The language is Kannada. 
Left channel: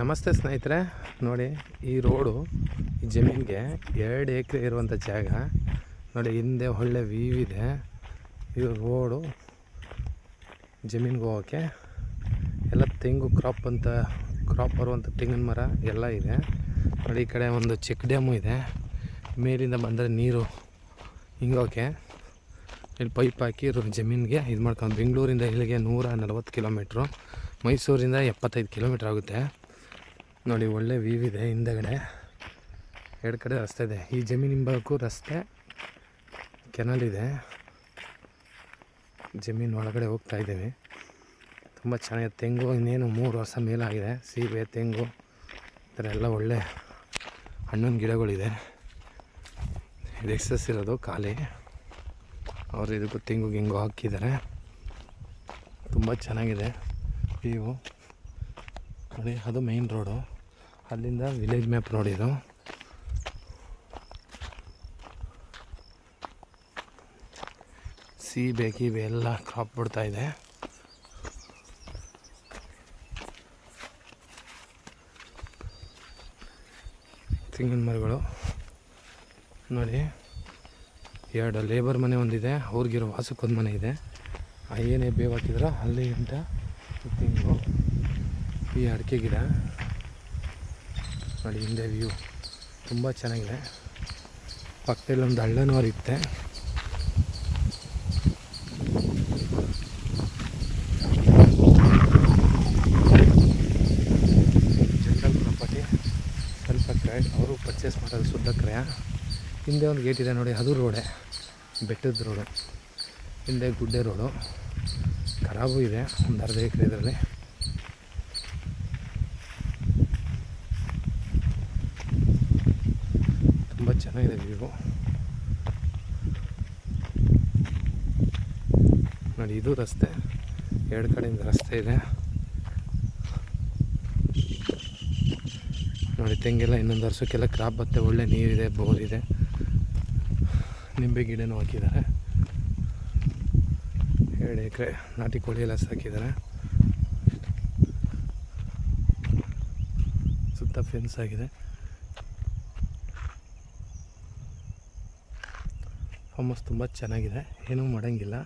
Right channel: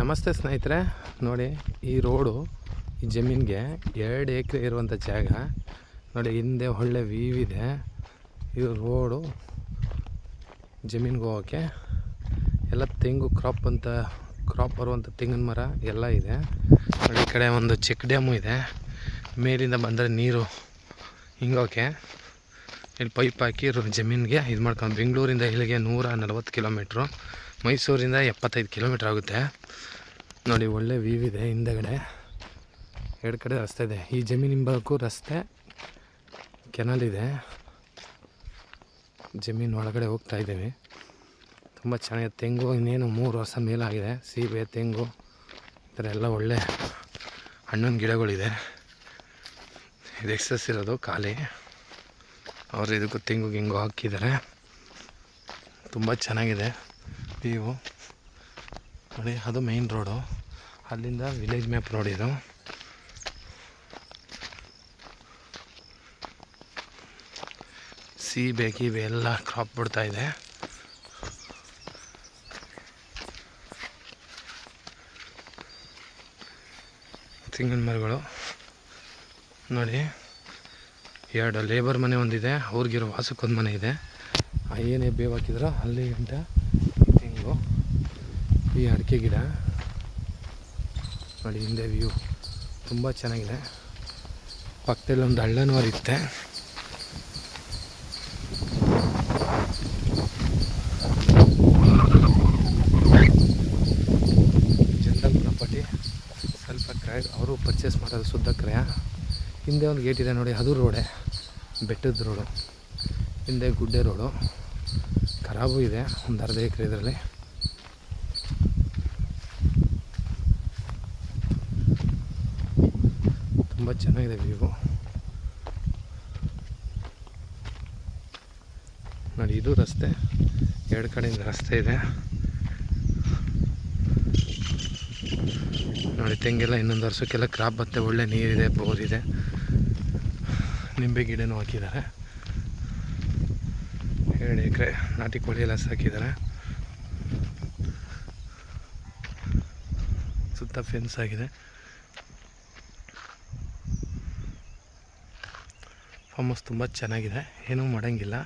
ನಮಸ್ತೆ ಸ್ನೇಹಿತರೆ, ನೋಡಿ ಈ ರೋಡು ಈ ಜಮೀನಿಗೆ 2 ಎಕರೆ ಇರುವಂಥ ಜಾಗ ನೋಡಿ. ಹಿಂದೆ ಒಳ್ಳೆ ವ್ಯೂ ಇದೆ. ಇದು ರೋಡು ಜಮೀನಿಗೆ ಹೋಗೋಕ್ಕೆ ಎಲ್ಲ ತೆಂಗು ಕ್ರಾಪ್ ಬರುವಂಥ ತೆಂಗಿನ ಮರ ಎಲ್ಲ ಇದೆ ನೋಡಿ. ಈ ಕಡೆ ಒಂದು ಚೆಕ್ ಡ್ಯಾಮು ಇದೆ. ಮೇಲಿಂದ ಬಂದರೆ ನೀರು ಹಿಂಗೋಕೆ ಇಲ್ಲಿ ಪೈಪ್ ಹಾಕಿ ಜಮೀನಿಗೆ ಇದು ಮಾಡ್ಕೊಂಡು. ಬೆಂಗಳೂರಿಂದ ಇಲ್ಲಿಗೆ 140 ಕಿಲೋಮೀಟ್ರು, ಮೈಸೂರಿಂದ 75 ಕಿಲೋಮೀಟ್ರ್ ಆಗುತ್ತೆ ನೋಡಿ. ಒಳ್ಳೆ ವ್ಯೂ ಇದೆ. ಹಿಂದಗಡೆ 2 ಕಡೆ ರಸ್ತೆ ಇದೆ. ಈ ಜಮೀನು ಹಿಂಭಾಗಕ್ಕೂ ರಸ್ತೆ, ಕೆನಲ್ ಇದೆ. ಜಮೀನು ಒಳಗಡೆ ಹೋಗ್ತಾ ಇದ್ದೀವಿ. ತುಂಬ ಚೆನ್ನಾಗಿದೆ. ತೆಂಗು ಇನ್ನೇನು 3 ವರ್ಷ ಮೇಲಾಗಿದೆ. ಸೀಬೆ, ತೆಂಗು ಈ ಥರ ಎಲ್ಲ ಒಳ್ಳೆ ಹಣ್ಣಿನ ಗಿಡಗಳಿದೆ. ಇದು ಎಕ್ಸಸ್ ಇರೋದು ಖಾಲಿ. ಅವರು ಇದಕ್ಕೂ ತೆಂಗು ಗಿಂಗು ಹಾಕಿದ್ದಾರೆ. ತುಂಬ ಚೆನ್ನಾಗಿದೆ ವ್ಯೂ ನೋಡಿ. ಅದು ಮೇಯ್ನ್ ರೋಡು, ಅಲ್ಲಿಂದ ವಿಲೇಜ್ ಮ್ಯಾಪ್ ರೋಡ್ ಇದು. ಸೀಬೆ ಗೀಬೆ ಎಲ್ಲ ಕ್ರಾಪ್ ಬಿಡ್ತಾ ಇದೆ. ತೆಂಗಿನ ಮರಗಳು ನೋಡಿ. 2 ಲೇಬರ್ ಮನೆ ಒಂದಿದೆ, ಅವ್ರಿಗಿರೋ ವಾಸಕ್ಕೊಂದು ಮನೆ ಇದೆ. ಏನೇ ಬೇವು ಹಾಕಿದ್ರು ಅಲ್ಲಿ ಗಂಟ ತೆಂಗು, ಈ ಅಡಿಕೆ ಗಿಡ ನೋಡಿ. ಹಿಂದೆ ವ್ಯೂ ತುಂಬ ಚೆನ್ನಾಗಿದೆ. ಪಕ್ಕದಲ್ಲಿ ಒಂದು ಹಳ್ಳನೂ ಹರಿಯುತ್ತೆ. ಜನರಲ್ ಪ್ರಾಪರ್ಟಿ, ಸ್ವಲ್ಪ ಕ್ರಯ, ಅವರು ಪರ್ಚೇಸ್ ಮಾಡೋದು ಶುದ್ಧ ಕ್ರಯ. ಹಿಂದೆ ಒಂದು ಗೇಟ್ ಇದೆ ನೋಡಿ, ಅದು ರೋಡೇ, ಬೆಟ್ಟದ ರೋಡು. ಹಿಂದೆ ಗುಡ್ಡೆ ರೋಡು, ಖರಾಬು ಇದೆ ಒಂದು ಅರ್ಧ ಎಕರೆ ಇದರಲ್ಲಿ. ತುಂಬ ಚೆನ್ನಾಗಿದೆ ವ್ಯೂ ನೋಡಿ. ಇದು ರಸ್ತೆ, 2 ಕಡೆಯಿಂದ ರಸ್ತೆ ಇದೆ ನೋಡಿ. ತೆಂಗೆಲ್ಲ ಇನ್ನೊಂದು ವರ್ಷಕ್ಕೆಲ್ಲ ಕ್ರಾಪ್ ಬತ್ತೆ. ಒಳ್ಳೆ ನೀರಿದೆ, ಬೋರಿದೆ, ನಿಂಬೆ ಗಿಡನೂ ಹಾಕಿದ್ದಾರೆ. 2 ಎಕರೆ ನಾಟಿ ಕೋಳಿ ಎಲ್ಲ ಸಾಕಿದ್ದಾರೆ. ಸುತ್ತ ಫೆನ್ಸ್ ಆಗಿದೆ. ಫಾರ್ಮ್ ಹೌಸ್ ತುಂಬ ಚೆನ್ನಾಗಿದೆ, ಏನೂ ಮಾಡೋಂಗಿಲ್ಲ.